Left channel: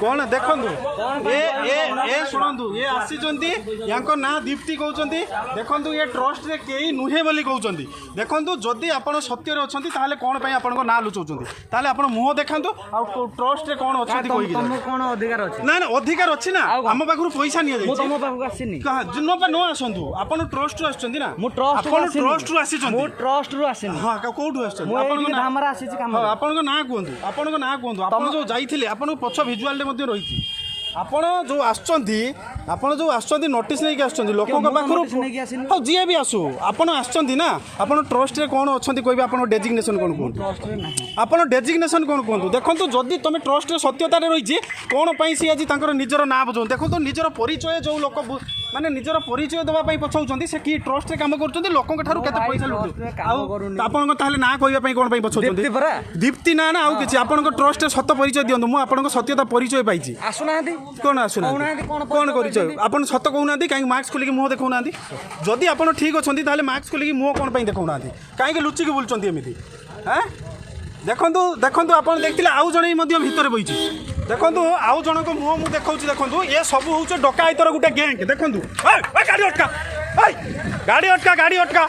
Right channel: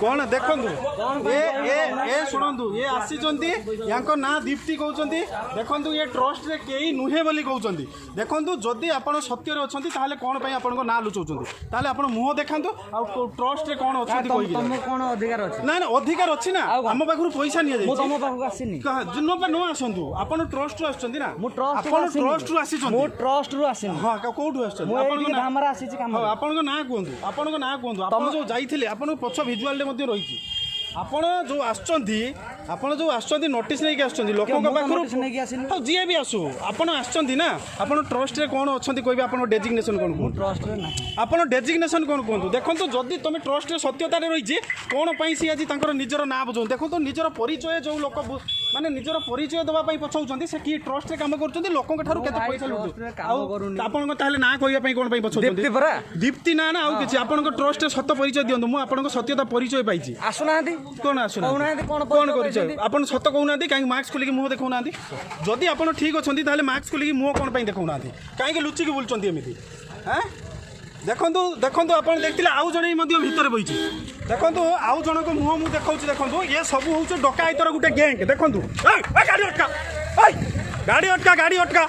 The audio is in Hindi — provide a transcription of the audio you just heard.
कौन देखु ये शुणु ये आसी ना दीप्ति कहते देखु ये ट्रस्ट रे कई नुहे बोली कहते देखु जदि आप सत्य अच्छा कौन आप ना लुचाऊँ आप मुह देखा ट्रस्ट रे कौन अच्छा कौन अधिकार अच्छे ना अधिकार अच्छी ना आम पाखु पैसा नहीं तुम पाखक आसनी न आसतु आप ट्रस्ट रू आसनी ना ट्रस्ट रू आसी ट्रस्ट रू आसनी हाँ कौटू धामरा आसी आपन ना कहतु आपन ना कहतु आप जो जाइए आप पछ भिजुआल रही आपण जो आपण जो आसुँच नोटिस नहीं आसुँच लोक हाँ जी भी आसू आपड़ आसुँच ना आप ट्रस्ट रे कौन अच्छा कहे आप डेजिग्नेशन कौन आप डेजिग्नेशन कौन कहतु देखो जदि तुम ट्रस्ट रे सत्यता रही कौन सी आज निजर ना बुझ देखो निजर परिचय जो लोक माने निजर परिचय देवाई पछाऊँ से कि ट्रस्ट रे काम कर लोक पैसा आप ना कहवाई कौन पछाऊँ दीप्ति ना ना आउ कि आप ट्रस्ट रे सत परिचय दिखाँ मुझे आप सत्यता परिचय पाई आसुना कौन आसुना कौन परिचय आप सत कहना कहीं मास्क खोलिक मुह देखा जदि आप ठीक अच्छा मास्क खोलिक मुह कौन देखा कहीं लुचिक बुलूँ एमती हाँ देखु देखु आप देखते आउ जड़े भितर बही देखो आउ जनक मुह मुझे देखा देखो ये सब हूँ डकायतर गोटे गैंग देखो गाड़ी अटका गाड़ी अटका